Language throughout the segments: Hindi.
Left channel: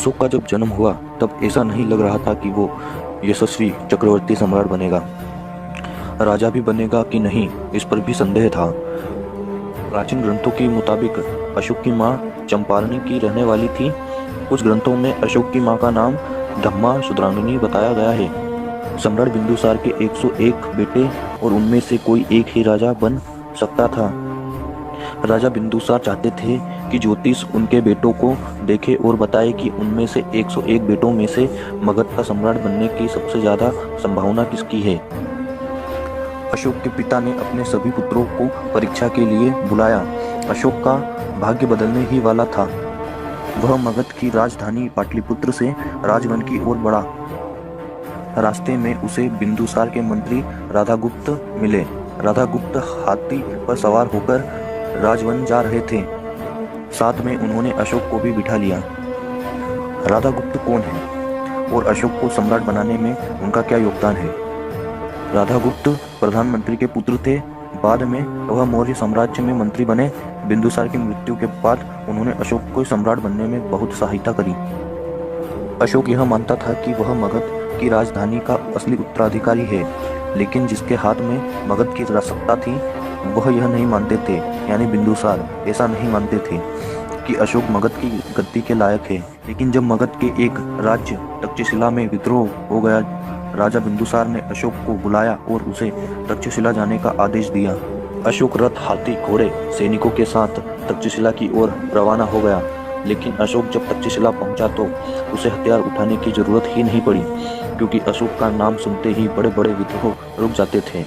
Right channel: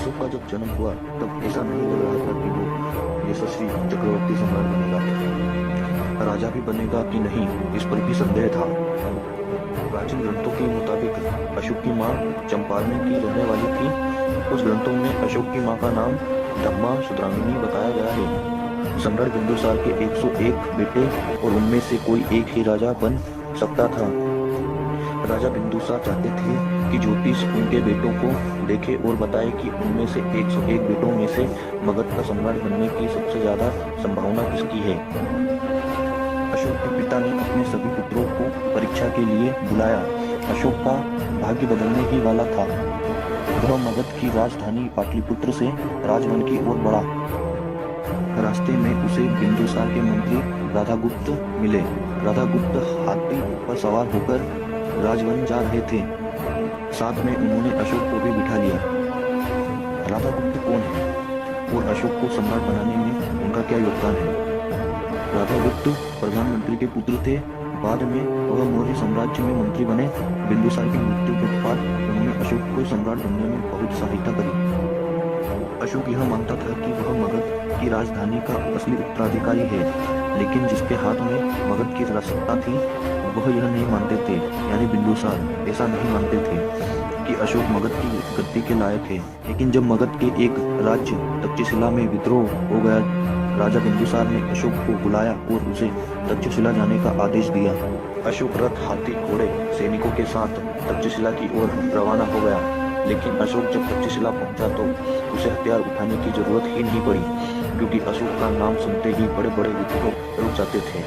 अशोक का जब जन्म हुआ तब ऐसा नहीं लग रहा था कि वो यशस्वी चक्रवर्ती सम्राट बनेगा। राजा भी बनेगा कि नहीं, इस पर भी संदेह था। प्राचीन ग्रंथों के मुताबिक अशोक की मां चंपारणी की रहने वाली थी। कुछ ग्रंथों में अशोक की मां का नाम धम्मा शुद्रांगिनी बताया गया है। सम्राट बिंदुसार के 101 बेटे और उनमें से कोई एक ही राजा बन सकता था। राजा बिंदुसार चाहते थे कि ज्योतिष उनके बेटों को देखे और बताए कि उनमें से 101 बेटों में से मगध का सम्राट बनने की सबसे ज्यादा संभावना किसकी है। अशोक के पिता ने अपने सभी पुत्रों को परीक्षा के लिए बुलाया। अशोक का भाग्य बदलने ही वाला था। वह मगध की राजधानी पाटलिपुत्र से राजवन की ओर बढ़ा। रास्ते में उसे बिंदुसार के मंत्री राधागुप्त मिले। राधागुप्त हाथी पर सवार होकर राजवन जा रहे थे। साथ में उन्होंने अशोक को भी बिठा लिया। राधागुप्त कौन है और अशोक को सम्राट बनाने में उनका क्या योगदान है? राधागुप्त प्रधानमंत्री के पुत्र थे। बाद में वह मौर्य साम्राज्य में मंत्री बने। बिंदुसार की मृत्यु के बाद उन्होंने अशोक को सम्राट बनने में बहुत सहायता करी। अशोक यह मानता था कि वह मगध की राजधानी का असली उत्तराधिकारी है, लेकिन जिसके हाथ में मगध की सत्ता थी वह यह नहीं मानते थे, यानी बिंदुसार ऐसा नहीं मानते थे कि अशोक मगध की गद्दी के लायक है। लेकिन जब मगध के एक राज्य तक्षशिला में विद्रोह हो गया, राजा बिंदुसार ने अशोक को बुलाया और उसे तक्षशिला जाने का आदेश दिया। अशोक रथ, हाथी, घोड़े, सैनिकों के साथ तक्षशिला की ओर रवाना हो गया। लेकिन अशोक जब तक्षशिला पहुंचा तो उसे हथियार उठाने की जरूरत ही नहीं पड़ी, क्योंकि अशोक का नाम सुनते ही बड़े बड़े विद्रोह रुक जाते थे।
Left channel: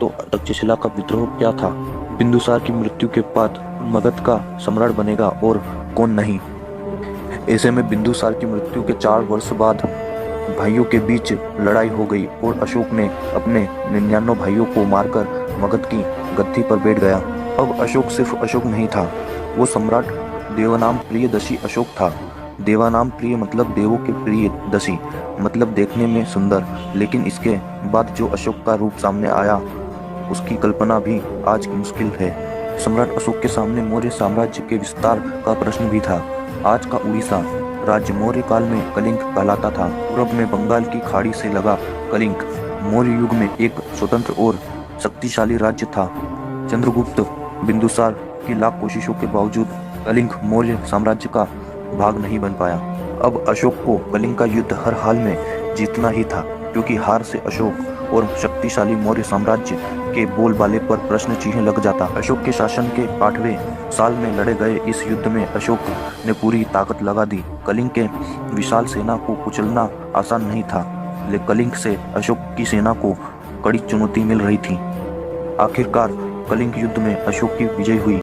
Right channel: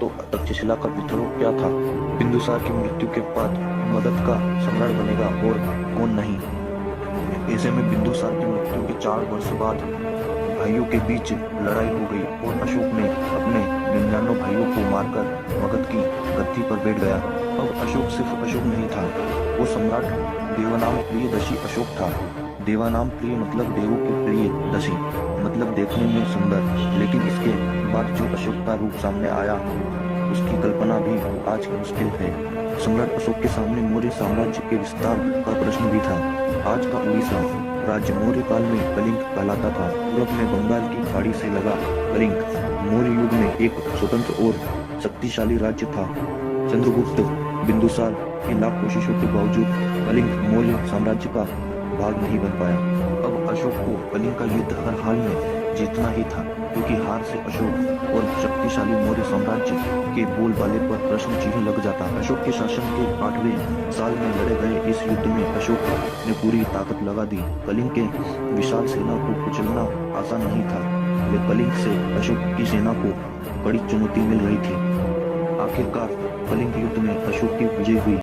तो तक्षशिला का विद्रोह क्या था? बिंदुसार की मृत्यु के बाद मगध का सम्राट बनेगा और कौन नहीं। ऐसे में बिंदुसार की मृत्यु के 4 वर्ष बाद भाइयों के बीच लड़ाई हो गई और अशोक ने अपने 99 भाइयों को मारकर मगध की गद्दी पर बैठ गया। अब अशोक सिर्फ अशोक नहीं था, वो सम्राट देवानाम प्रियदर्शी अशोक था। देवानाम प्रिय मतलब देवों के प्रिय, दशी मतलब देखने में सुंदर। लेकिन इसके बाद जो अशोक का रूप सामने आया उसकी कल्पना भी आज मुश्किल है। सम्राट अशोक के सामने मौर्य साम्राज्य के विस्तार का प्रश्न भी था। आज का उड़ीसा राज्य मौर्य काल में कलिंग कहलाता था। पूर्व में बंगाल की खाड़ी से लगा कलिंग मौर्य युग में एक स्वतंत्र और शक्तिशाली राज्य था। चंद्रगुप्त बिंदुसार की लाख कोशिशों के बावजूद कलिंग मौर्य साम्राज्य का भाग नहीं बन पाया। अब अशोक को कलिंग का युद्ध हर हाल में जीतना ही था, क्योंकि हार से अशोक और शक्तिशाली मौर्य साम्राज्य के बोलबाले पर प्रश्न चिन्ह लग जाता। अशोक के शासन के 8वें साल में लड़े गए इस युद्ध में अशोक ने पूरी ताकत लगा दी। कलिंग के विशाल सेना को कुचलना आसान नहीं था, लेकिन कलिंग से अशोक की सेना को कड़ी चुनौती मिल रही थी। आखिरकार कलिंग युद्ध में अशोक की विजय हुई।